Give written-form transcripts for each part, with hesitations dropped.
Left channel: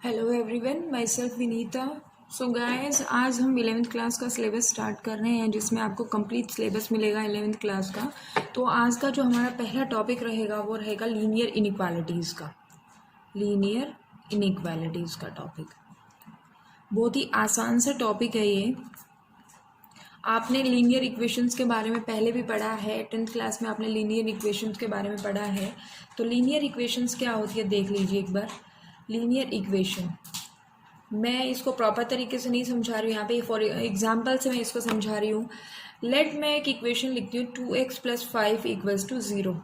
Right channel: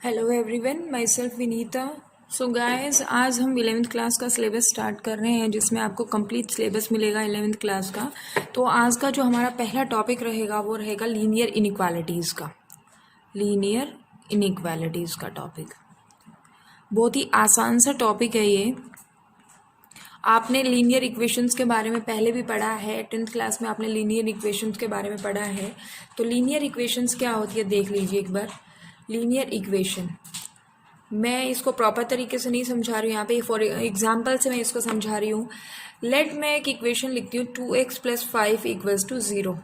Hello everyone, my self Vinita. So guys, आज हम 11वीं क्लास का सिलेबस स्टार्ट कर रहे हैं, जिसमें आपको कंप्लीट सिलेबस मिलेगा 11वीं क्लास का। तो आज का जो हमारा पहला टॉपिक रहेगा वो रहेगा लीनियर इनइक्वालिटीज़ का। लीनियर इनइक्वालिटीज़ का टॉपिक बहुत ही आसान सा टॉपिक है ये। आपने लीनियर इक्वेशंस के बारे में पहले भी पढ़ा है, 10th क्लास में आपने लीनियर इक्वेशंस के बारे में पढ़ा है। तो लीनियर इक्वेशंस क्या होती है देख लीजिए एक बार। लीनियर इक्वेशन, मैं इसको प्रॉपर तरीके से नहीं समझा रही हूँ, यहाँ पे फॉर एग्जाम्पल से मैं इसको समझा रही हूँ। लेट मैं एक इक्वेशन लिखती हूँ 2x + 5 = 0।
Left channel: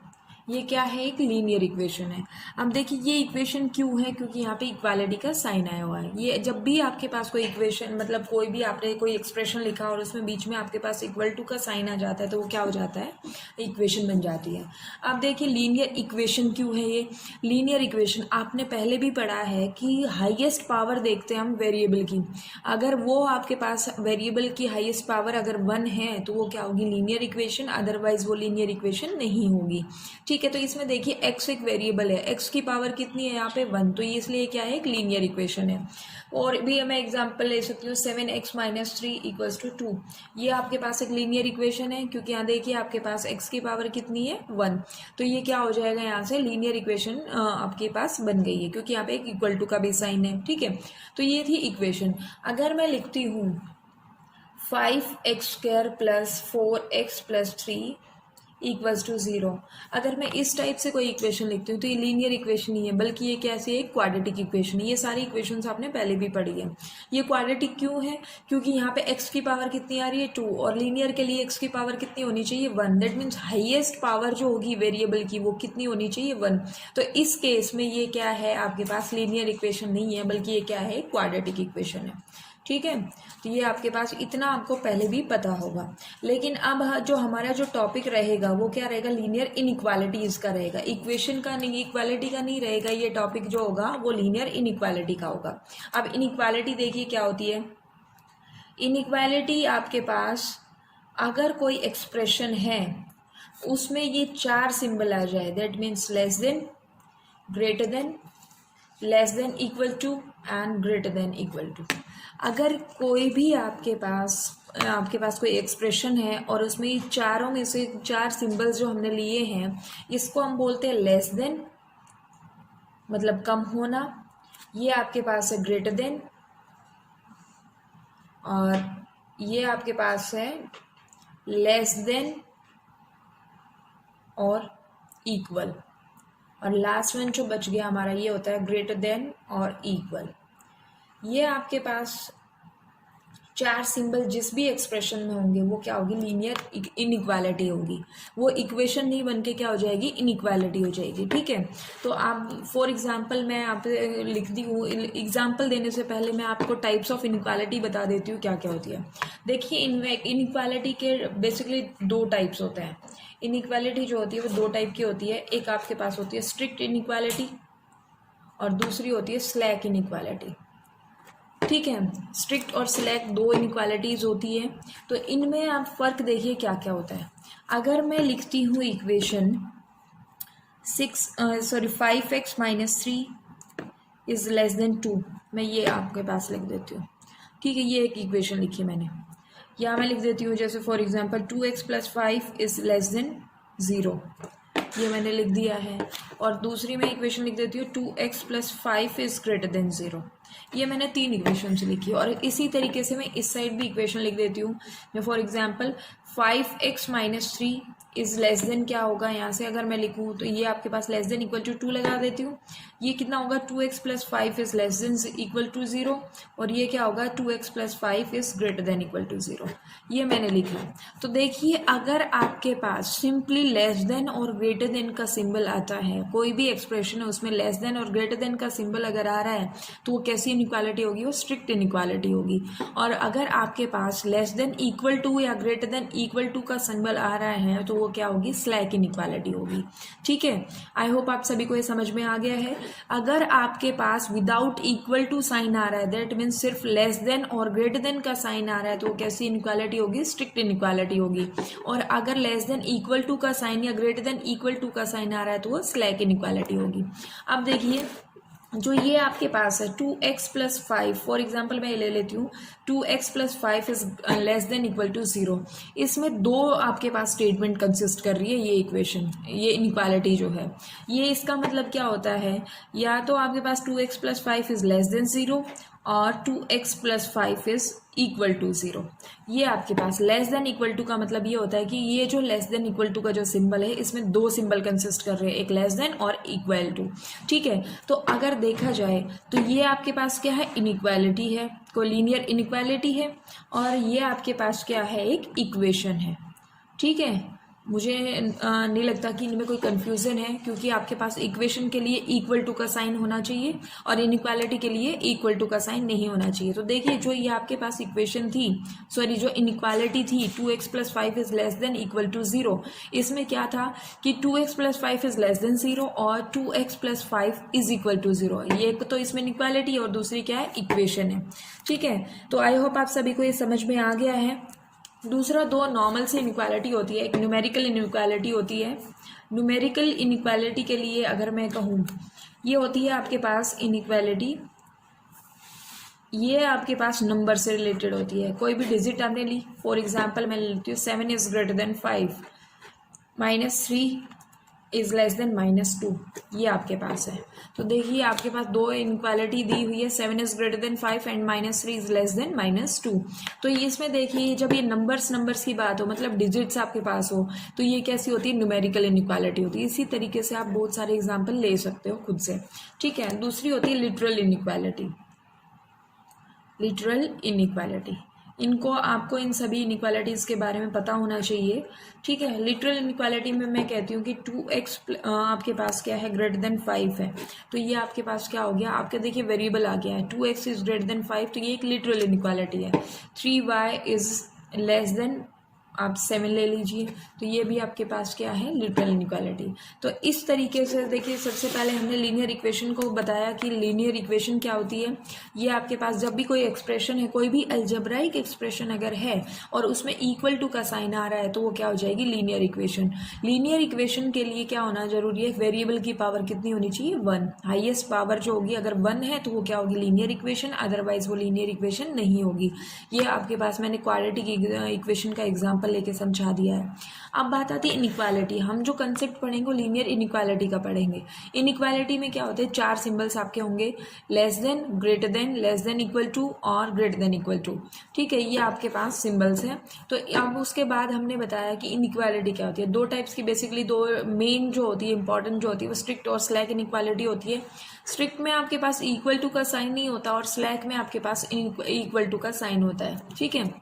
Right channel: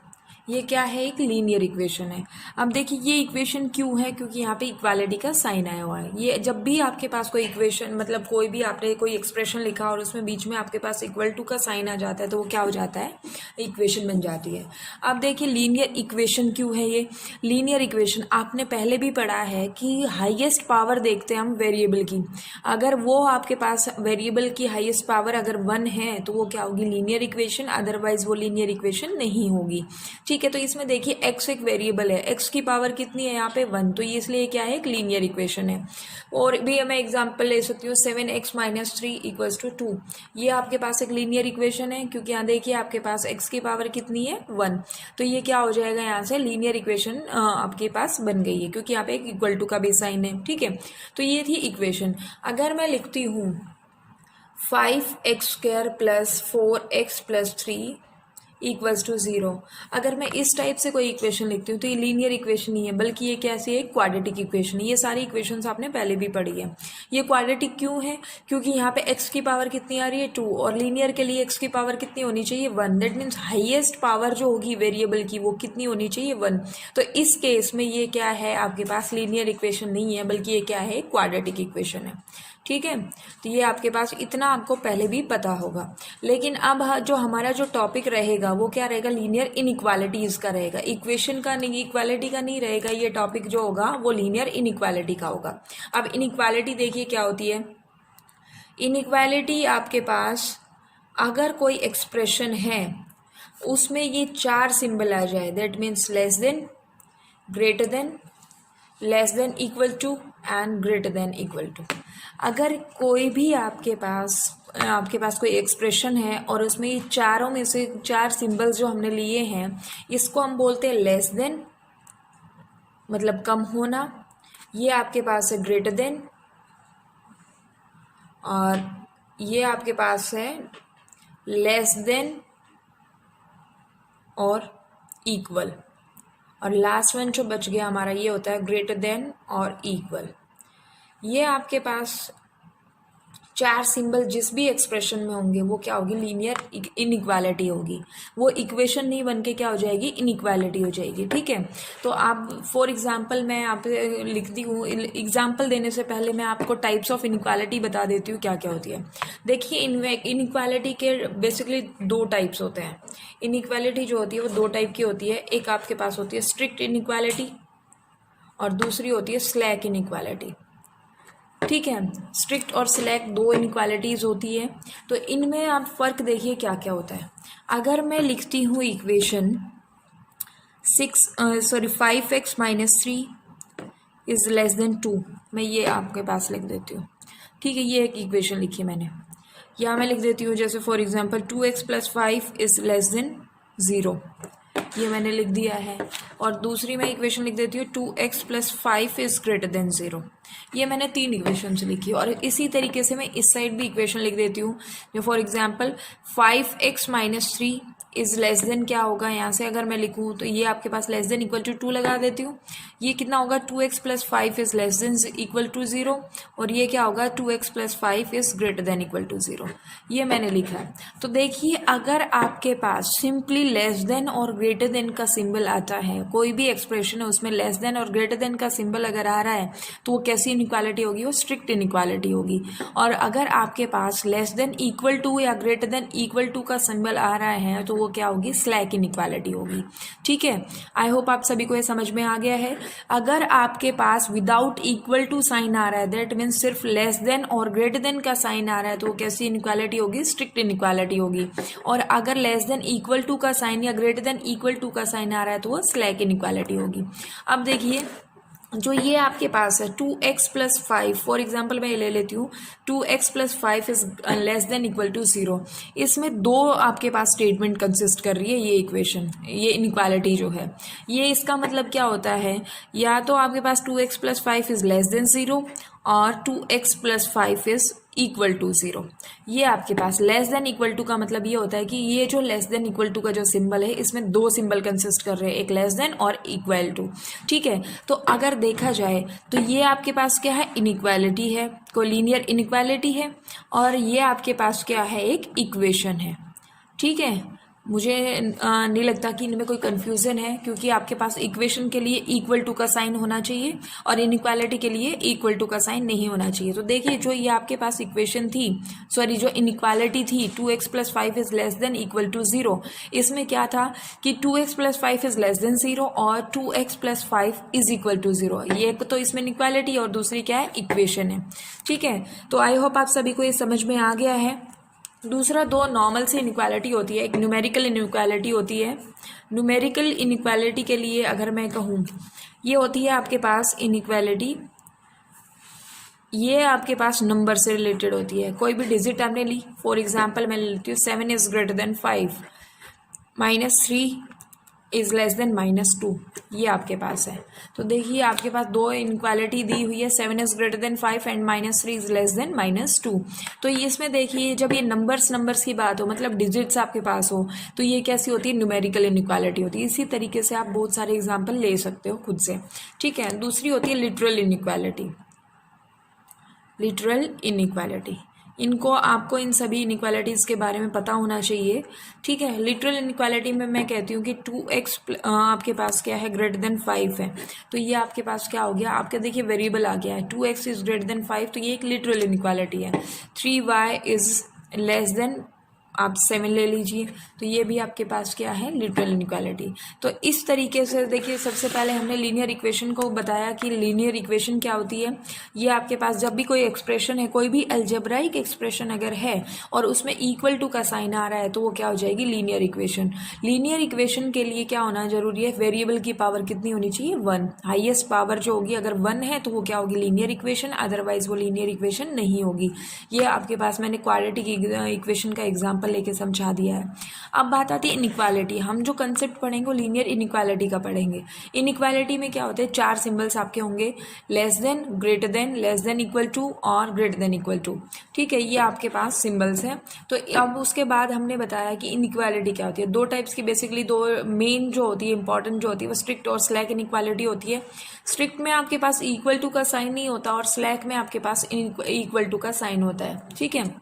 ये क्या है? एक लीनियर इक्वेशन है। अब देखिए ये इक्वेशन क्यों है, क्योंकि यहाँ पे इक्वालिटी का साइन आया हुआ है। ये जब भी आपके पास कोई इक्वेशन, मतलब कोई भी आपने कोई एक्सप्रेशन लिखा और उसमें बीच में आपके पास = का साइन आ जाता है तो वो क्या हो जाता है? इक्वेशन बन जाती है। अब देखिए लीनियर इक्वेशन क्यों है ये? लीनियर इक्वेशन आपने पहले भी पढ़ा है कि हाईएस्ट पावर देखते हैं हम वेरिएबल की। अगर वो आपके पास वेरिएबल की हाईएस्ट पावर अगर 1 है तो वो क्या होगी? Linear equation. अदरवाइज वो लीनियर इक्वेशन नहीं होगी। ठीक है, तो इसमें देखिए x एक वेरिएबल है, x की पावर कितनी है यहाँ पे? 1, तो ये इसलिए क्या है? एक लीनियर इक्वेशन है। और भी मैं एग्जांपल ले सकती हूँ 7x - 3 = 2। ये आपके पास एक लीनियर इक्वेशन है, क्योंकि यहाँ देखिए आपके पास x की पावर कितनी है? 1। तो ये क्या हो जाएगा? यहाँ से लीनियर इक्वेशन आपके पास बन गई है, क्योंकि यहाँ पे एक = का भी साइन है। ठीक है, तो ये थी इक्वेशन। अगर मैं लिखती हूँ 5x² + 4x + 3 = 0, अगर मैं इस टाइप से कोई इक्वेशन लिखती हूँ तो ये लीनियर इक्वेशन नहीं है, बल्कि ये कैसी है? क्वाड्रेटिक इक्वेशन है। ये सारी इक्वेशंस आपने पहले भी पढ़ी है। ये क्वाड्रेटिक क्यों है? क्योंकि यहाँ पे x की पावर कितनी आ रही है? 2, और लीनियर के लिए x की पावर कितनी होनी चाहिए? 1। दैट मीन्स हाईएस्ट पावर जो होगी वेरिएबल की वो कितनी होनी चाहिए? 1। तो इस केस में ये क्या है? आपके पास लीनियर इक्वेशन नहीं है, बल्कि ये क्या है? क्वाड्रेटिक इक्वेशन है। ठीक है, तो ये आपके पास इतना आपको पहले भी पता होगा। लेकिन अब जो हमारा जो टॉपिक रहेगा वो क्या रहेगा? लीनियर इनइक्वालिटीज का रहेगा। इक्वेशन का नहीं, इक्वालिटी का नहीं रहेगा। ये टॉपिक जो होगा वो लीनियर इनइक्वालिटी का होगा। अब इनइक्वालिटी देखिए क्या होती है। इनइक्वालिटी आपके पास अगर कोई एक्सप्रेशन है उसमें ये 4 सिंबल आ जाए, that means less than, greater than, less than equal to and greater than equal to. अगर कोई भी आपके पास कोई एक्सप्रेशन है और उसमें ये चारों में से 4 सिंबल्स जो हमने लिए हैं, इसको हम बोलते हैं लेस देन, मतलब कम होना। ये आपके पास है ग्रेटर देन, और ये आपके पास है लेस देन और इक्वल, और लास्ट वन जो बच गया हमारा ये होता है ग्रेटर देन और इक्वल। ये आपके पास 4 सिंबल जिस भी एक्सप्रेशन में होंगे वो क्या होगी? लीनियर इनइक्वालिटी होगी। वो इक्वेशन नहीं बन के क्या हो जाएगी? इनइक्वालिटी हो जाएगी। ठीक है, तो आप फॉर एग्जांपल मैं आप लिखती हूँ। एग्जांपल देने से पहले मैं आपको टाइप्स ऑफ इनइक्वालिटी बता देती हूँ क्या क्या होती है। देखिए इनइक्वालिटी के बेसिकली 2 टाइप्स होते हैं। इनइक्वालिटी जो होती है वो 2 टाइप की होती है। एक आपके पास होती है स्ट्रिक्ट इनइक्वालिटी और दूसरी होती है स्लैक इनइक्वालिटी। ठीक है, स्ट्रिक्ट और सिलेक्ट 2 इनइक्वालिटीज़ होती है। तो इनमें आप फ़र्क देखिए क्या क्या होता है। अगर मैं लिखती हूँ इक्वेशन 5x - 3 = 2, मैं ये आपके पास लिख देती हूँ। ठीक है, ये एक इक्वेशन लिखी है मैंने। यहाँ मैं लिख देती हूँ जैसे फॉर एग्जांपल 2x + 5 = 0, ये मैंने लिख दिया है। और दूसरी मैं इक्वेशन लिख देती हूँ 2x + 5 > 0। ये मैंने 3 इक्वेशन लिखी है। और इसी तरीके से मैं इस साइड भी इक्वेशन लिख देती हूँ। जो फॉर एग्जांपल 5x - 3 << क्या होगा? यहाँ से अगर मैं लिखूँ तो ये आपके पास लेस देन इक्वल टू 2 लगा देती हूँ। ये कितना होगा? 2x + 5 > 0। और ये क्या होगा? 2x + 5 > 0। ये मैंने लिखा। तो देखिए अगर आपके पास सिंपली लेस देन और ग्रेटर देन का सिंबल आता है, कोई भी एक्सप्रेशन है उसमें लेस देन और ग्रेटर देन का सिंबल अगर आ रहा है तो वो कैसी इनइक्वालिटी होगी? वो स्ट्रिक्ट इनइक्वालिटी होगी। और अगर आपके पास लेस देन इक्वल टू या ग्रेटर देन इक्वल टू का सिंबल आ रहा है तो वो क्या होगी? स्लैक इनइक्वालिटी होगी। ठीक है, आई होप आप सभी को ये समझ में आ गया है। अगर आपके पास विदाउट इक्वल टू साइन आ रहा है, दैट मीन्स सिर्फ लेस देन और ग्रेटर देन का साइन आ रहा है, तो वो कैसी इनइक्वालिटी होगी? स्ट्रिक्ट इनइक्वालिटी होगी। और अगर लेस देन इक्वल टू का साइन या ग्रेटर देन इक्वल टू का साइन आ रहा है तो वो स्लैक इनइक्वालिटी होगी। अब देखिए जो ये आपके पास है 2x+5, फॉर एग्जाम्पल मैं ले लेती हूँ 2x+5 is less than equal to 0। इसमें दो आपके पास स्टेटमेंट कंसिस्ट कर रही है ये इक्वेशन, ये इनइक्वालिटी जो है। ये इसका मतलब क्या होता है, या तो आपके पास 2x+5 इज लेस देन 0 और 2x+5 इज इक्वल टू 0। ये आपके पास लेस देन इक्वल टू का मतलब ये होता है कि ये जो लेस देन इक्वल टू का जो सिंबल है इसमें दो सिंबल कंसिस्ट कर रहे हैं, एक लेस देन और इक्वल टू। ठीक है, तो अगर देखा जाए तो ये आपके पास क्या है, इनइक्वालिटी है, कोई लीनियर इनइक्वालिटी है, और ये आपके पास क्या है, एक इक्वेशन है। ठीक है, मुझे नहीं लगता कि इनमें कोई कंफ्यूजन है, क्योंकि आपके पास इक्वेशन के लिए इक्वल टू का साइन होना चाहिए और इनइक्वालिटी के लिए इक्वल टू का साइन नहीं होना चाहिए। तो देखिए जो ये आपके पास इक्वेशन थी, सॉरी जो इनइक्वालिटी थी 2x+5 is less than equal to 0, इसमें क्या था कि 2x+5 इज लेस देन 0 और 2x+5 इज इक्वल टू 0। ये तो इसमें इनइक्वालिटी और दूसरी क्या है, इक्वेशन है। ठीक है, तो आई होप आप सभी को ये समझ में आ गया है। दूसरा, दो नॉर्मल सी इनइक्वालिटी होती है, एक न्यूमेरिकल इनइक्वालिटी होती है। न्यूमेरिकल इनइक्वालिटी के लिए अगर मैं कहूँ, ये होती है आपके पास इनइक्वालिटी, ये आपके पास नंबर से रिलेटेड होती है। कोई भी डिजिट आपने ली, फॉर एग्जांपल मैं लेती हूँ 7 is greater then 5, -3 is less then -2, ये आपके पास है। तो देखिए आपके पास दो इनइक्वालिटी दी हुई है, 7 is greater then 5 and -3 is less then -2। तो इसमें देखिए जब ये नंबर्स की बात हो, मतलब डिजिट्स आपके पास हो, तो ये कैसी होती है, न्यूमेरिकल इनइक्वालिटी होती है। इसी तरीके से आप बहुत सारे एग्जाम्पल ले सकते हो खुद से। ठीक है, दूसरी होती है लिटरल इनइक्वालिटी। लिटरल इनइक्वालिटी, इनको आपको इन सभी इनइक्वालिटीज़ के बारे में पता होना चाहिए। ठीक है, लिटरल इनइक्वालिटी में मैं कहती हूँ कि 2x आपके पास क्या है, ग्रेटर देन 5 है, तो ये आपके पास क्या हो गया, आपका देखिए वेरिएबल आ गया है 2x इज ग्रेटर देन 5, तो ये एक लिटरल इनइक्वालिटी है। 3y इज लेस देन आप 7 ले लीजिए, तो ये भी आपके पास क्या है, लिटरल इनइक्वालिटी। तो इस तरीके से देखिए, सबसे पहले हमने लीनियर इक्वेशन को बताया कि लीनियर इक्वेशन क्या होती है। ये आपके पास जब भी कोई एक्सप्रेशन है, कोई भी अलजेब्राइक एक्सप्रेशन अगर है और उसमें इक्वल टू का साइन आ रहा है, तो वो क्या हो जाएगी, लीनियर इक्वेशन। लीनियर इक्वेशन के लिए क्या होना जरूरी है, वेरिएबल की पावर कितनी होनी चाहिए, 1। हाईएस्ट पावर जो होगी अगर 1 है तो वो क्या होगी, लीनियर इक्वेशन, अदरवाइज वो लीनियर इक्वेशन नहीं होगी। ये आपके पास मैंने क्वाड्रेटिक इक्वेशन का एग्जाम्पल लेके समझा दिया है। अब बात आती है इनइक्वालिटी। हम जो कंसेप्ट पढ़ेंगे वो लीनियर इनइक्वालिटी का पढ़ेंगे। इनइक्वालिटी में क्या होता है, 4 सिंबल्स आपके होंगे, less than, greater than, less than equal to और ग्रेटर देन इक्वल टू। ठीक है, ये आपके पास सिंबल्स हैं। तो अब उसके बाद हमने बताया कि इनइक्वालिटी क्या होती है। दो टाइप्स की, बेसिकली दो मेन जो होती है, इंपॉर्टेंट जो होती है, वो स्ट्रिक्ट और स्लैक इनइक्वालिटी होती है। स्ट्रिक्ट में आपके पास इक्वल टू का साइन नहीं होता और स्लैक में आपके पास इक्वल टू का साइन होता है। ठीक है,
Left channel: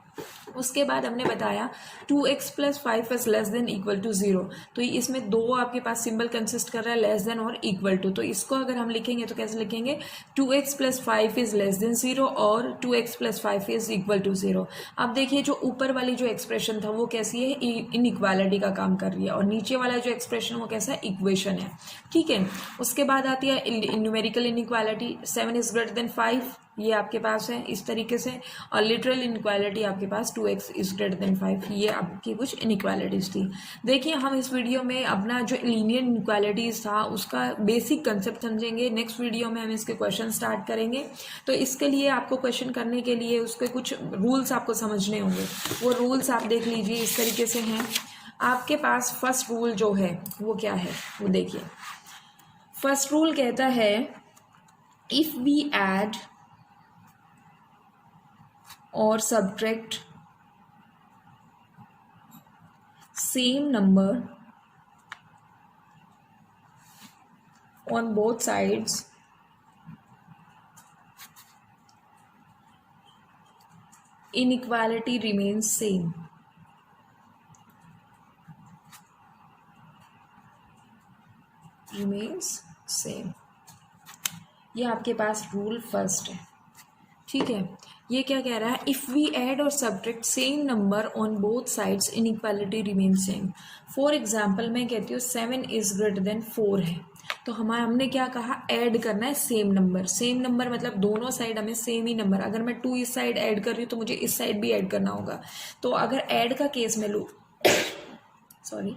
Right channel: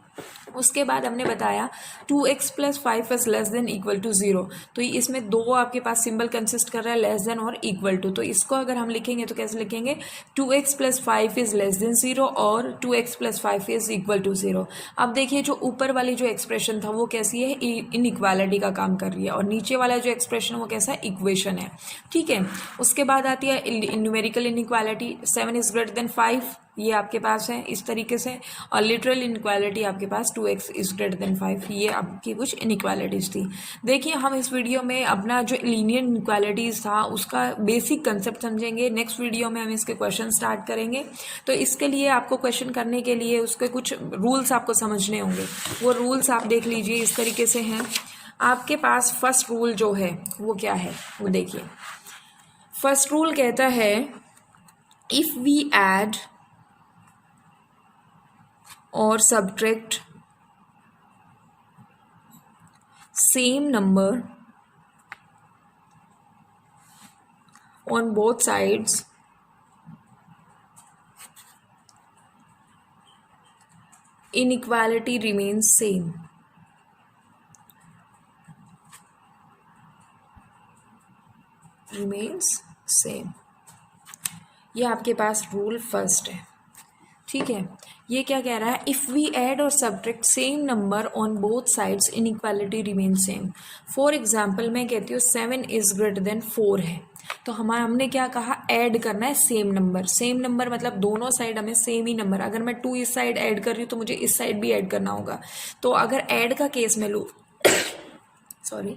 उसके बाद हमने बताया 2x+5 is less than equal to 0, तो इसमें दो आपके पास सिंबल कंसिस्ट कर रहा है, लेस देन और इक्वल टू। तो इसको अगर हम लिखेंगे तो कैसे लिखेंगे, 2x+5 इज लेस देन 0 और 2x+5 इज इक्वल टू 0। अब देखिए जो ऊपर वाली जो एक्सप्रेशन था वो कैसी है, इनइक्वालिटी का काम कर रही है, और नीचे वाला जो एक्सप्रेशन वो कैसा है, इक्वेशन है। ठीक है, उसके बाद आती है numerical inequality, 7 is greater then 5, ये आपके पास है इस तरीके से, और लिटरल इनइक्वालिटी आपके पास 2x इज ग्रेटर देन 5। ये आपकी कुछ इनइक्वालिटीज थी। देखिए हम इस वीडियो में अपना जो लीनियर इनइक्वालिटीज था उसका बेसिक कंसेप्ट समझेंगे। नेक्स्ट वीडियो में हम इसके क्वेश्चन स्टार्ट करेंगे। तो इसके लिए आपको क्वेश्चन करने के लिए उसके कुछ रूल्स आपको समझने होंगे। वो रूल्स आप देख लीजिए, इस तरीके से हैं। आपके पास फर्स्ट रूल जो है वो क्या है, वो देखिए। फर्स्ट रूल कहता है, if we add or subtract same number on both sides, inequality remains same. remains same, ये आपके पास रूल फर्स्ट है। ठीक है, ये क्या कह रहा है, इफ़ वी ऐड और subtract same number on both sides inequality remain same. For example मैं कहती हूँ 7 इज ग्रेटर देन 4 है, तो हमने क्या कहा, ऐड करना है सेम नंबर। सेम नंबर मतलब दोनों साइड हमें सेम ही नंबर, अगर मैं 2 इस साइड ऐड कर रही हूँ तो मुझे इस साइड भी ऐड करना होगा। तो अगर ऐड का केस में लूँ सॉरी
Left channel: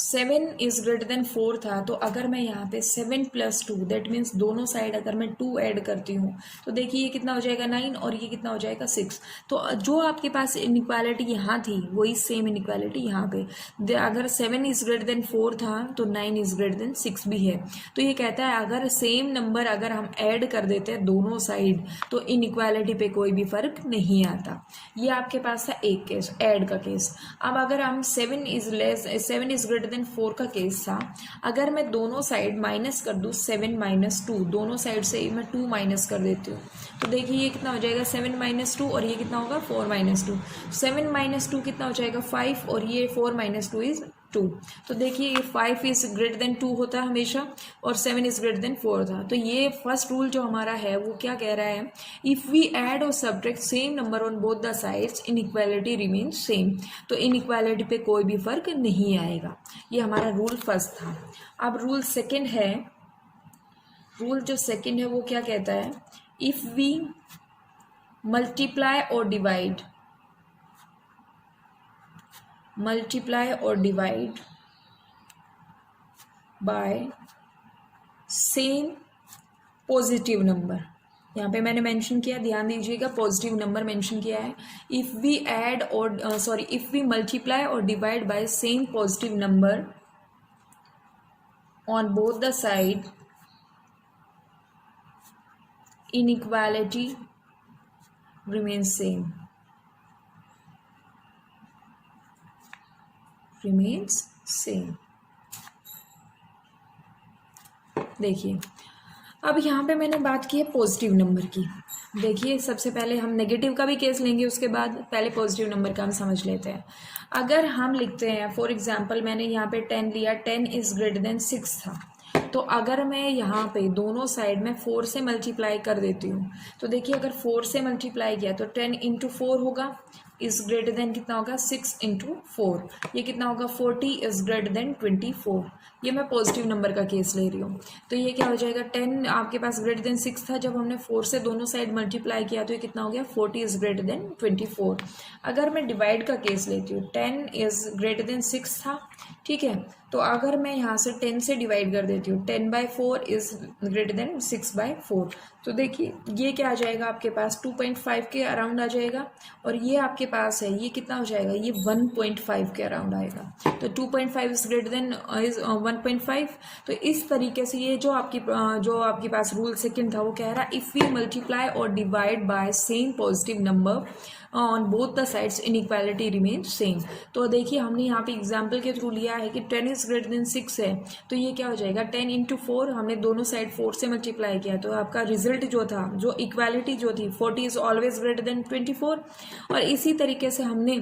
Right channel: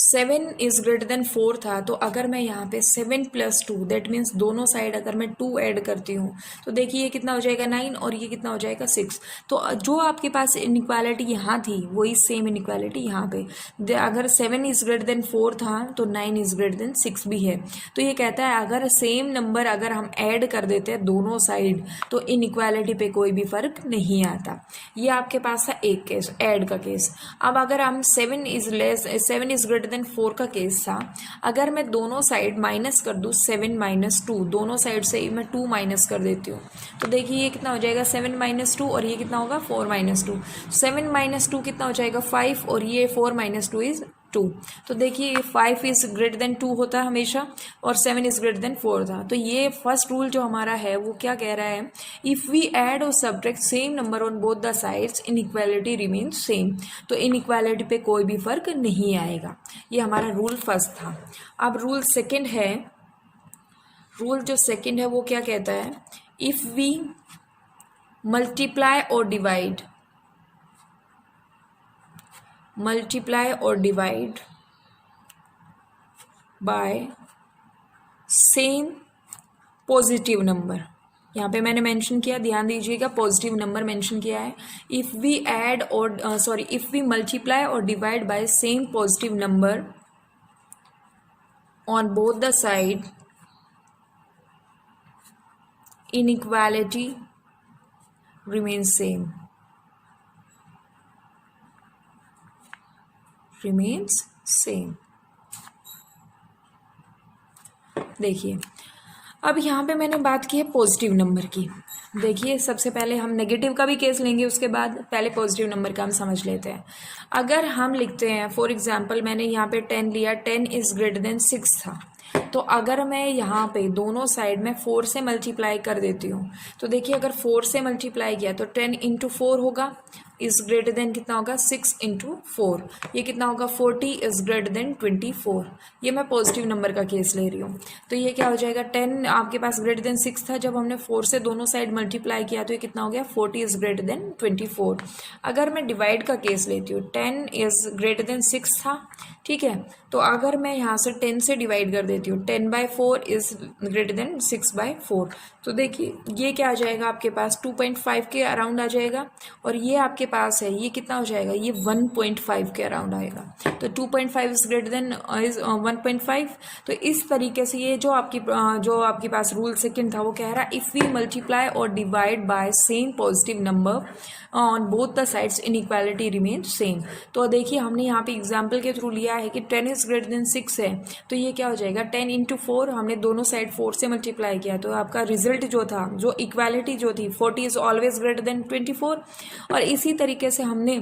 7 इज ग्रेटर देन 4 था, तो अगर मैं यहाँ पे 7 प्लस 2 दैट मीन्स दोनों साइड अगर मैं 2 ऐड करती हूँ तो देखिए ये कितना हो जाएगा 9 और ये कितना हो जाएगा 6। तो जो आपके पास इनइक्वालिटी यहाँ थी वही सेम इनइक्वालिटी यहाँ पे अगर 7 इज ग्रेटर देन 4 था तो 9 इज ग्रेटर देन 6 भी है। तो ये कहता है अगर सेम नंबर अगर हम ऐड कर देते हैं दोनों साइड तो इनइक्वालिटी पे कोई भी फर्क नहीं आता। ये आपके पास था एक केस ऐड का केस। अब अगर हम 7 इज ग्रेटर देन 4 का केस था, अगर मैं दोनों साइड माइनस कर दूं 7 माइनस 2, दोनों साइड से मैं 2 माइनस कर देती हूँ तो देखिए ये कितना हो जाएगा 7 माइनस 2 और ये कितना होगा 4 माइनस 2। 7 माइनस 2 कितना हो जाएगा 5 और ये 4 माइनस 2 इज 2। तो देखिए ये 5 इज ग्रेटर देन 2 होता है हमेशा और 7 इज ग्रेटर देन 4 था। तो ये फर्स्ट रूल जो हमारा है वो क्या कह रहा है, इफ वी ऐड और subtract same number on both the sides inequality remains same. तो इनइक्वालिटी पे कोई भी फर्क नहीं आएगा। ये हमारा रूल फर्स्ट था। अब रूल सेकंड है, रूल जो सेकंड है वो क्या कहता है, इफ वी मल्टीप्लाई और divide by same positive number, यहाँ पे मैंने मेंशन किया, ध्यान दीजिएगा पॉजिटिव नंबर मेंशन किया है। इफ वी ऐड और इफ वी मल्टीप्लाई और divide by same positive number on both the side inequality remains same। देखिए अब यहाँ पे मैंने बात की है पॉजिटिव नंबर की। देखिए सबसे पहले हम नेगेटिव का भी केस लेंगे, उसके बाद पहले पॉजिटिव नंबर का हम समझ लेते हैं। अगर हम लिखते हैं फॉर एग्जांपल मैंने यहाँ पे 10 लिया, 10 इज ग्रेटर देन 6 था, तो अगर मैं यहाँ पे दोनों साइड में 4 से मल्टीप्लाई कर देती हूँ तो देखिए अगर 4 से मल्टीप्लाई किया तो 10 इंटू 4 होगा, इज ग्रेटर देन कितना होगा 6 इंटू 4, ये कितना होगा 40 इज ग्रेटर देन 24। ये मैं पॉजिटिव नंबर का केस ले रही हूँ। तो ये क्या हो जाएगा 10 आपके पास ग्रेटर देन 6 था, जब हमने 4 से दोनों साइड मल्टीप्लाई किया तो ये कितना हो गया 40 इज ग्रेटर देन 24। अगर मैं डिवाइड का केस लेती हूँ 10 इज ग्रेटर देन 6 था, ठीक है, तो अगर मैं यहाँ से 10 से डिवाइड कर देती हूँ 10/4 इज ग्रेटर देन 6/4, तो देखिए ये क्या आ जाएगा आपके पास 2.5 के अराउंड आ जाएगा और ये आपके पास है ये कितना हो जाएगा ये 1.5 के अराउंड आएगा। तो 2.5 इज ग्रेटर देन इज 1.5। तो इस तरीके से ये जो आपके पास रूल सेकंड था वो कह रहा है इफ वी मल्टीप्लाई और divide by same positive number on both the sides inequality remain same. तो देखिए हमने यहाँ पे एग्जाम्पल के थ्रू लिया है कि 10 इज ग्रेटर देन 6 है, तो ये क्या हो जाएगा 10 इंटू 4, हमने दोनों साइड 4 से मल्टीप्लाई किया तो आपका रिजल्ट जो था जो इक्वालिटी जो थी 40 इज ऑलवेज ग्रेटर देन 24। और इसी तरीके से हमने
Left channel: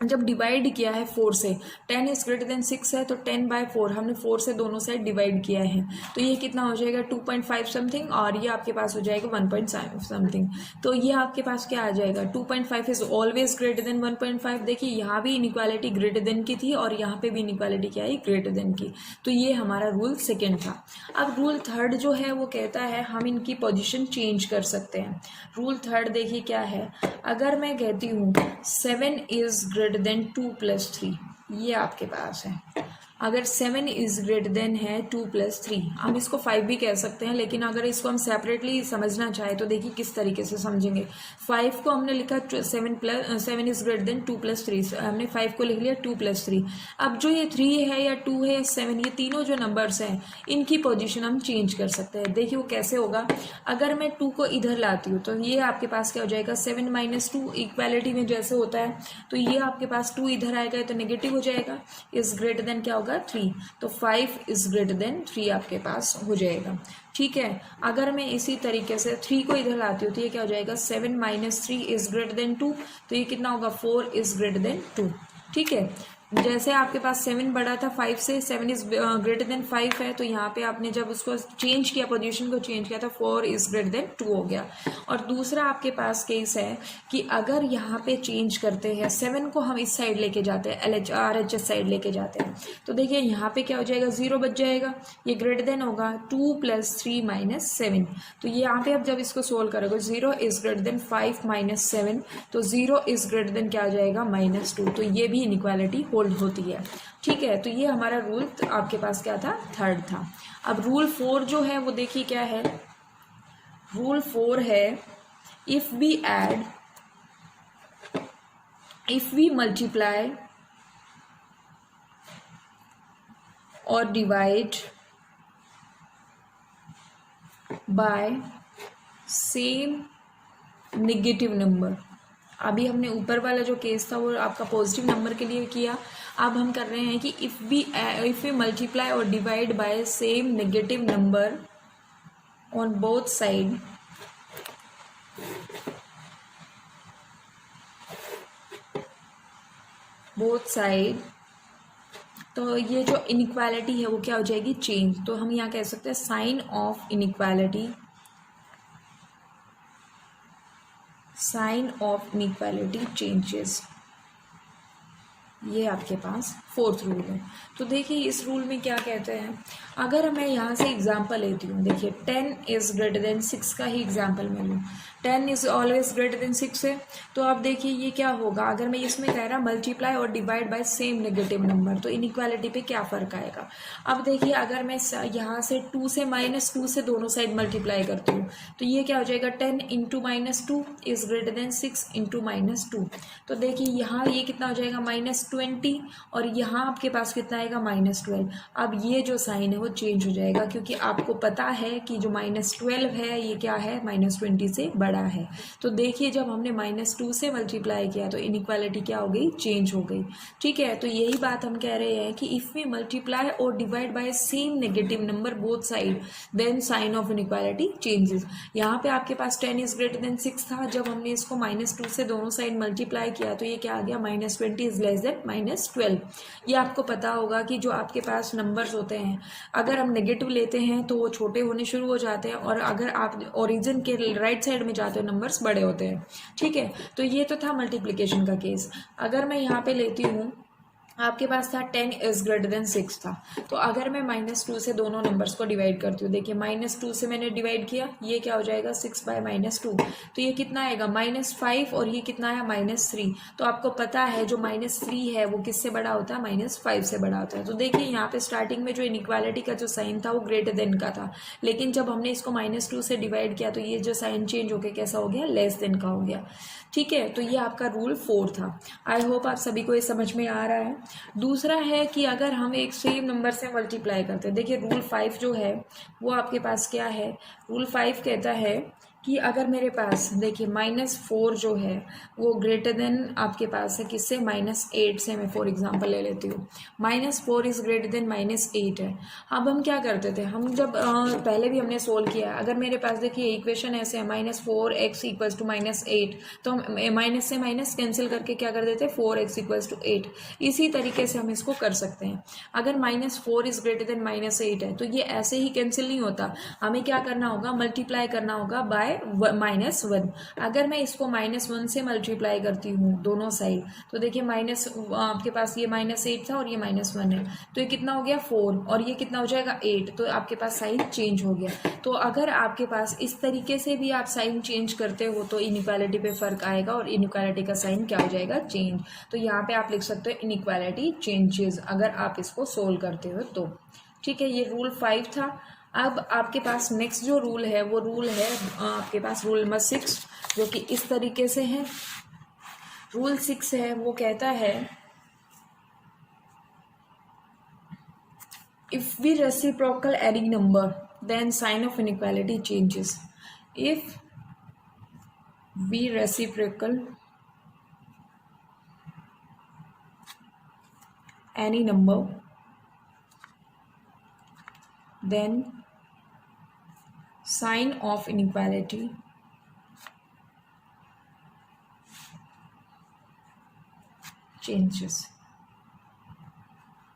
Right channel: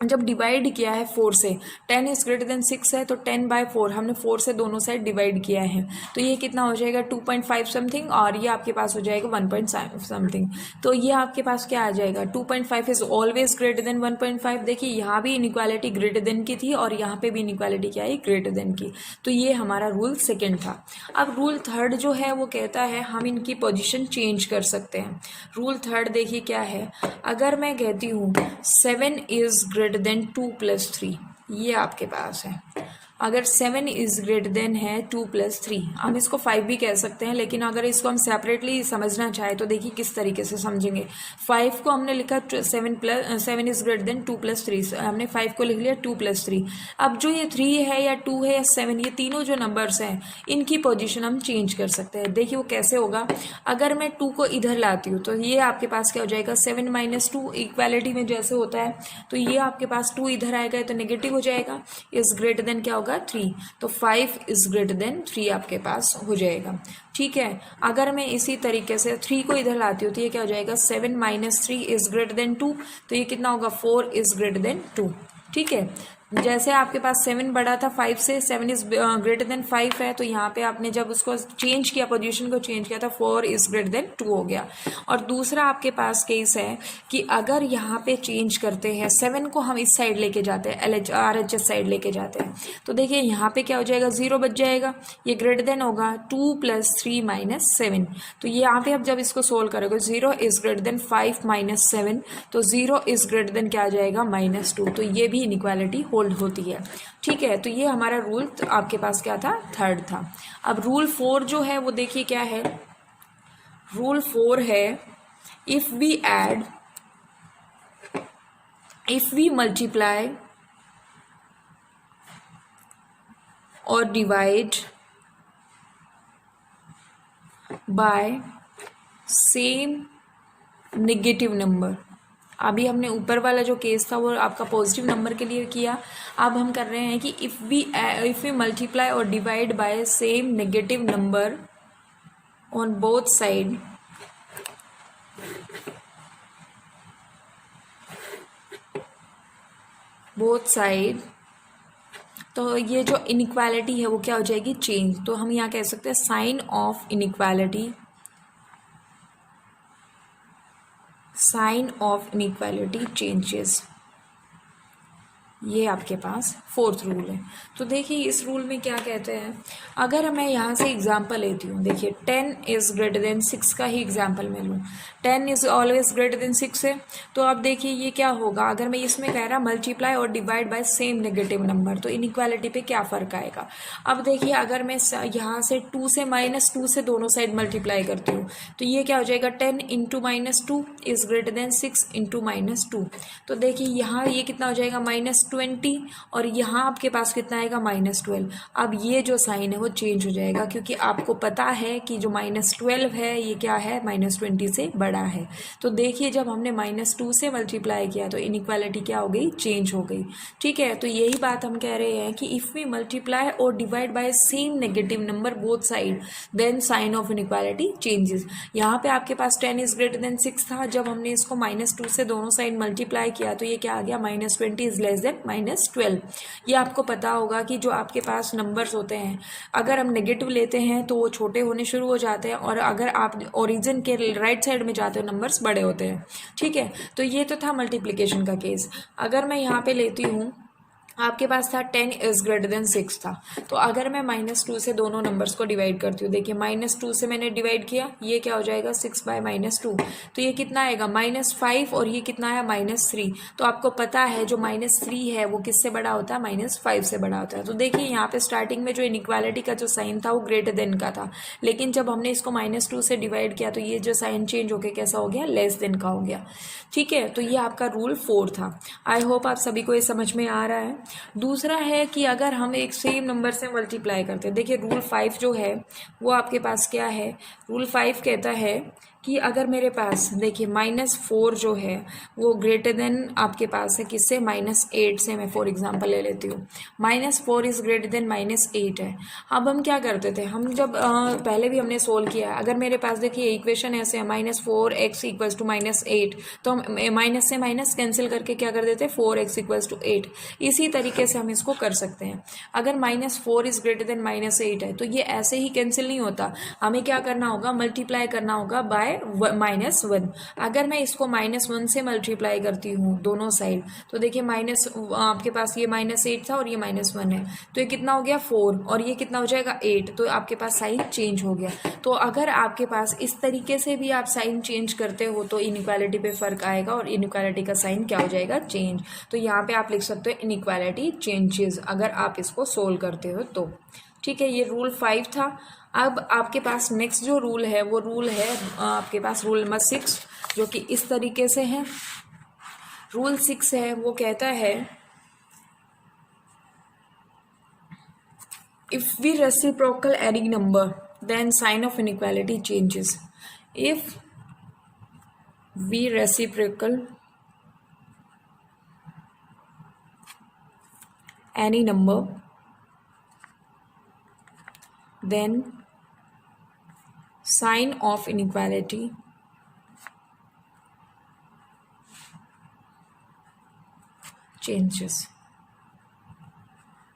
जब डिवाइड किया है 4 से, 10 इज ग्रेटर देन 6 है तो 10/4 हमने 4 से दोनों साइड डिवाइड किया है तो ये कितना हो जाएगा 2.5 समथिंग और ये आपके पास हो जाएगा 1.5 समथिंग। तो ये आपके पास क्या आ जाएगा 2.5 इज ऑलवेज ग्रेटर देन 1.5। देखिए यहाँ भी इनइक्वालिटी ग्रेटर देन की थी और यहाँ पे भी इनइक्वालिटी क्या है ग्रेटर देन की। तो ये हमारा रूल सेकेंड था। अब रूल थर्ड जो है वो कहता है हम इनकी पोजिशन चेंज कर सकते हैं। रूल थर्ड देखिए क्या है, अगर मैं कहती हूँ 7 इज ग्रेटर देन 2 + 3, ये आपके पास है। अगर 7 इज ग्रेटर देन है 2 + 3, हम इसको 5 भी कह सकते हैं, लेकिन अगर इसको हम सेपरेटली समझना चाहे तो देखिए किस तरीके से समझेंगे। 5 को हमने लिखा 7 इज ग्रेटर देन 2 + 3, हमने 5 को लिख लिया 2 + 3। अब जो ये 3 है या 2 है या 7, ये तीनों जो नंबर्स हैं इनकी पोजीशन हम चेंज कर सकते हैं। देखिए वो कैसे होगा, अगर मैं 2 को इधर लाती हूँ तो ये आपके पास क्या हो जाएगा 7 - 2, इक्वालिटी में जैसे होता है तो ये आपके पास 2 इधर आएगा तो नेगेटिव हो जाएगा, इज ग्रेटर देन क्या होगा 3, तो 5 इज ग्रेटर देन 3 आपके पास हो जाएगा। ठीक है, अगर मैं इसी तरीके से 3 को इधर लाती हूँ तो ये क्या हो जाएगा 7 - 3 इज ग्रेटर देन 2, तो ये कितना होगा 4 इज ग्रेटर देन 2। ठीक है, जैसे आपके पास 7 बड़ा था 5 से, 7 इज ग्रेटर देन 5 है, तो यहाँ पे आपने जब उसको चेंज किया, पोजीशन को चेंज किया था 4 इज ग्रेटर देन 2 हो गया। और दूसरा आपके पास केस है कि अगर यहाँ पे चेंज करते हैं 7 को हम इस साइड लेके जाते हैं, RHS साइड लेके जाते हैं, तो देखिए यहाँ पे क्या हो जाएगा 0 बच जाएगा, ये ग्रेटर देन होगा 2 + 3 - 7। तो ये यहाँ पे अब जब इसको सोल्व करोगे 0 इज ग्रेटर देन 5 - 7, तो 0 इज ग्रेटर देन क्या आ जाएगा -2, तो ये भी इनइक्वालिटी हो होल्ड होती है। ठीक है, तो ये हमारा रूल आपके पास क्या था, थर्ड था। अब रूल 4 जो है वो देखिए क्या है। रूल 4 है इफ वी मल्टीप्लाई और divide by same negative number. अभी हमने ऊपर वाला जो केस था वो आपका पॉजिटिव नंबर के लिए किया। अब हम कर रहे हैं कि इफ वी मल्टीप्लाई और divide by same negative number on both side, तो ये जो इनइक्वालिटी है वो क्या हो जाएगी, चेंज। तो हम यहाँ कह सकते हैं साइन ऑफ इनइक्वालिटी चेंजेस। ये आपके पास फोर्थ रूल है। तो देखिए इस रूल में क्या कहते हैं, अगर मैं यहाँ से एग्जांपल लेती हूँ, देखिए 10 इज ग्रेटर देन 6 का ही एग्जांपल मैं लूँ। 10 इज ऑलवेज ग्रेटर देन 6 है। तो अब देखिए ये क्या होगा, अगर मैं इसमें कह रहा मल्टीप्लाई और divide by same negative number, तो इनइक्वालिटी पे क्या फर्क आएगा। अब देखिए अगर मैं यहाँ से 2 से -2 से दोनों साइड मल्टीप्लाई करती हूँ, तो ये क्या हो जाएगा, 10 into -2 is greater then 6 into -2। तो देखिए यहाँ ये कितना हो जाएगा, -20, और यहाँ आपके पास कितना आएगा, -12। अब ये जो साइन है वो चेंज हो जाएगा, क्योंकि आपको पता है कि जो -12 है ये क्या है, -20 से बड़ा है। तो देखिए जब हमने -2 से मल्टीप्लाई किया तो इनइक्वालिटी क्या हो गई, चेंज हो गई। ठीक है, तो यही बात हम कह रहे हैं कि इफ वी मल्टीप्लाई और divide by same negative number both side, then sign of inequality changes. यहाँ पे आपके पास 10 इज ग्रेटर देन 6 था, जब हमने इसको -2 से दोनों साइड मल्टीप्लाई किया तो ये क्या आ गया, -20 इज लेस देन -12। ये आपको पता होगा कि जो आपके पास नंबर्स होते हैं, अगर हम नेगेटिव लेते हैं तो वो छोटे होने शुरू हो जाते हैं, और अगर आप ओरिजिन के राइट साइड में जाते हो नंबर्स बड़े होते हैं। ठीक है, तो ये तो था मल्टीप्लिकेशन का केस। अगर मैं यहाँ पे लेती हूँ, आपके पास था 10 इज ग्रेटर देन 6 था, तो अगर मैं -2 से दोनों नंबर्स को डिवाइड करती हूँ, देखिए -2 से मैंने डिवाइड किया, ये क्या हो जाएगा, 6 बाय -2, तो ये कितना आएगा, -5, और ये कितना आया, -3। तो आपको पता है जो -3 है वो किससे बड़ा होता है, -5 से बड़ा होता है। तो देखिए यहाँ पे स्टार्टिंग में जो इनइक्वालिटी का जो साइन था वो ग्रेटर देन का था, लेकिन जब हमने इसको -2 से डिवाइड किया तो ये जो साइन चेंज होकर कैसा हो गया, लेस देन का हो गया। ठीक है, तो ये आपका रूल 4 था। आई होप आप सभी को ये समझ में आ रहा है। दूसरा है कि अगर हम एक सेम नंबर से मल्टीप्लाई करते हैं, देखिए रूल 5 जो है वो आपके पास क्या है, रूल 5 कहता है कि अगर मेरे पास देखिए -4 जो है वो ग्रेटर देन आपके पास है किससे, -8 से। मैं फॉर एग्जांपल ले लेती हूँ, -4 इज ग्रेटर देन -8 है। अब हम क्या करते थे, हम जब पहले भी हमने सोल्व किया है, अगर मेरे पास देखिए इक्वेशन ऐसे है -4x इक्वल्स टू -8, तो हम माइनस से माइनस कैंसिल करके क्या कर देते हैं, 4x इक्वल्स टू 8। इसी तरीके से हम इसको कर सकते हैं। अगर -4 इज ग्रेटर देन -8 है तो ये ऐसे ही कैंसिल नहीं होता, हमें क्या करना होगा, मल्टीप्लाई करना होगा बाय -1। अगर मैं इसको -1 से मल्टीप्लाई करती हूँ दोनों साइड, तो देखिए आपके पास ये -8 था और ये -1 है, तो ये कितना हो गया, 4, और ये कितना हो जाएगा, 8। तो आपके पास साइन चेंज हो गया। तो अगर आपके पास इस तरीके से भी आप साइन चेंज करते हो तो इनइक्वालिटी पे फर्क आएगा, और इनइक्वालिटी का साइन क्या हो जाएगा, चेंज। तो यहाँ पे आप लिख सकते हो इनइक्वालिटी चेंजेस, अगर आप इसको सोल्व करते हो तो। ठीक है, ये रूल 5 था। अब आपके पास नेक्स्ट जो रूल है वो रूल है आपके पास रूल नंबर 6, जो कि इस तरीके से है। रूल 6 है वो कहता है if we reciprocal any number then sign of inequality changes. If we reciprocal any number then sign of inequality changes।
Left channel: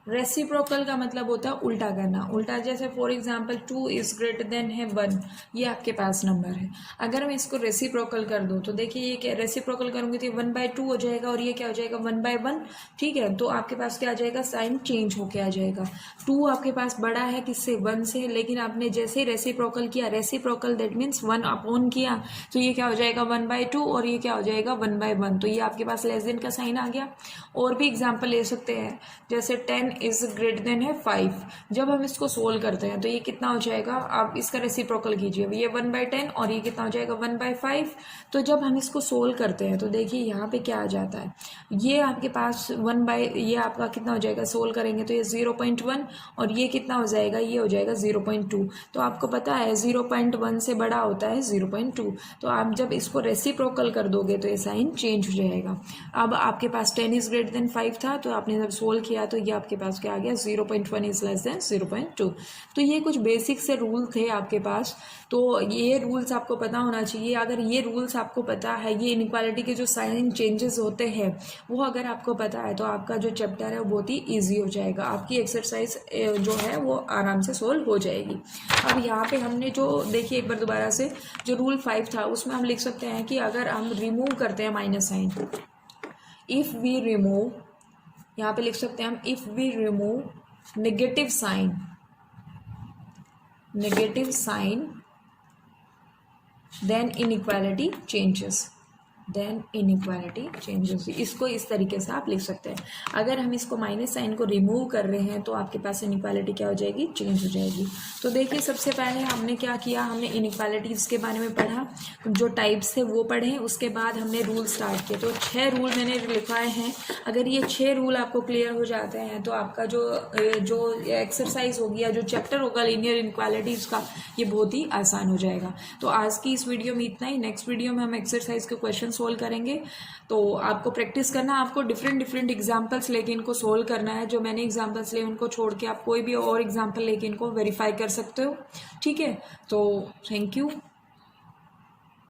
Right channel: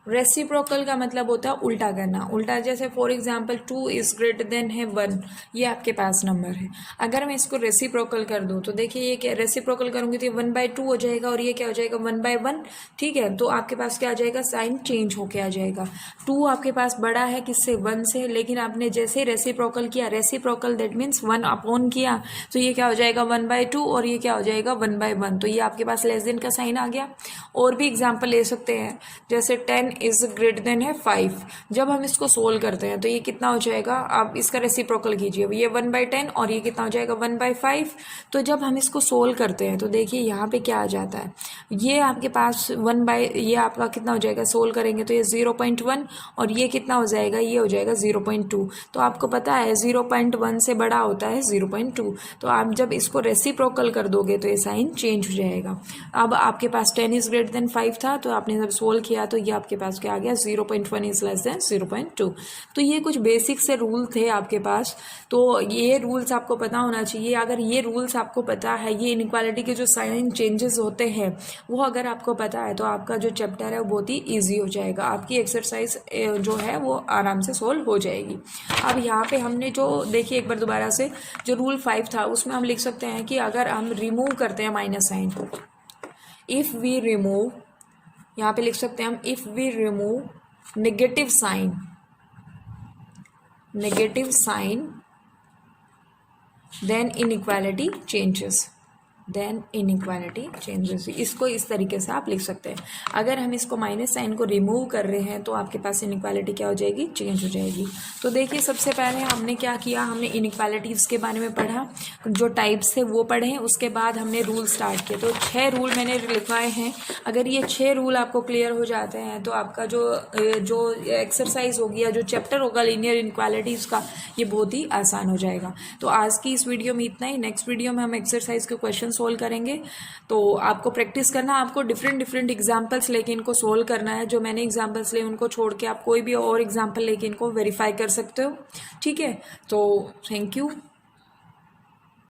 Reciprocal का मतलब होता है उल्टा करना। उल्टा जैसे for example 2 is greater than है 1, ये आपके पास नंबर है। अगर मैं इसको रेसिप्रोकल कर दूं तो देखिए ये क्या, रेसिप्रोकल करूंगी तो ये 1/2 हो जाएगा और ये क्या हो जाएगा 1/1। ठीक है, तो आपके पास क्या आ जाएगा, साइन चेंज होके आ जाएगा। 2 आपके पास बड़ा है किससे, 1 से, लेकिन आपने जैसे रेसिप्रोकल किया, रेसिप्रोकल दैट मीन्स 1 अपॉन किया, तो ये क्या हो जाएगा 1/2 और ये क्या हो जाएगा 1/1। तो ये आपके पास लेस देन का साइन आ गया। और भी एग्जाम्पल ले सकते हैं, जैसे 10 इज ग्रेटर देन है 5। जब हम इसको सोल्व करते हैं तो ये कितना हो जाएगा, आप इसका रेसिप्रोकल कीजिए, ये 1/10 और ये कितना हो जाएगा 1/5। तो जब हम इसको सोल्व करते हैं तो देखिए यहाँ पे क्या आ जाता है, ये आपके पास ये आपका कितना हो जाएगा, सोल्व करेंगे तो ये 0.1 और ये कितना हो जाएगा, ये हो जाएगा 0.2। तो आपको पता है 0.1 से बड़ा होता है 0.2। तो आप जब इसको रेसिप्रोकल कर दोगे तो ये साइन चेंज हो जाएगा। अब आपके पास 10 इज ग्रेटर देन 5 था, तो आपने जब सोल्व किया तो ये आपके पास क्या आ गया, 0.1 इज लेस देन 0.2। तो ये कुछ बेसिक से रूल थे आपके पास, तो ये रूल्स आपको पता होना चाहिए। अगर ये रूल्स आपको पता है, ये इनइक्वालिटी के जो साइन चेंजेस होते हैं वो अगर आपको पता है, तो आपका जो चैप्टर है वो बहुत ही ईजी हो जाएगा, आपकी एक्सरसाइज जो है वो आराम से सोल्व हो जाएगी। अब यहाँ पे हमने जो देखिए एक बार दोबारा से, जो रूल 5 था उसमें हम लिख सकते हैं कि अगर हम रिमूव करते हैं minus sign, if we remove, यहाँ पे लिख सकते हैं हम if we remove negative sign then inequality changes, इसको इस तरीके से आप लिख सकते हैं। अगर हम इसको माइनस साइन को रिमूव कर रहे हैं तो आपके पास इनइक्वालिटी क्या हो जाएगी, चेंज हो जाएगी। तो देखिए सबसे पहले हमने क्या किया, हमने इनइक्वालिटीज़ के बारे में पढ़ा, जो टाइप्स थे वो पढ़े, उसके बाद हमने रूल स्टार्ट किए। तो 6 रूल मैंने लिखवाए हैं। अगर ये 6 रूल आपको क्लियर हो जाते हैं तो आपका जो एक्सरसाइज होगी या जो चैप्टर होगा लीनियर इनइक्वालिटीज़ का, ये बहुत ही आसान हो जाएगा। तो आज की इस वीडियो में इतना ही। नेक्स्ट वीडियो में हम एक्सरसाइज के क्वेश्चन सोल्व करेंगे। तो आपको प्रैक्टिस करना, आपको डिफरेंट एग्जांपल्स लेके इनको सोल्व करना है। जो मैंने एग्जांपल्स लिए उनको छोड़ के आप कोई भी और एग्जांपल लेके इनको वेरीफाई कर सकते हो। ठीक है, तो थैंक यू।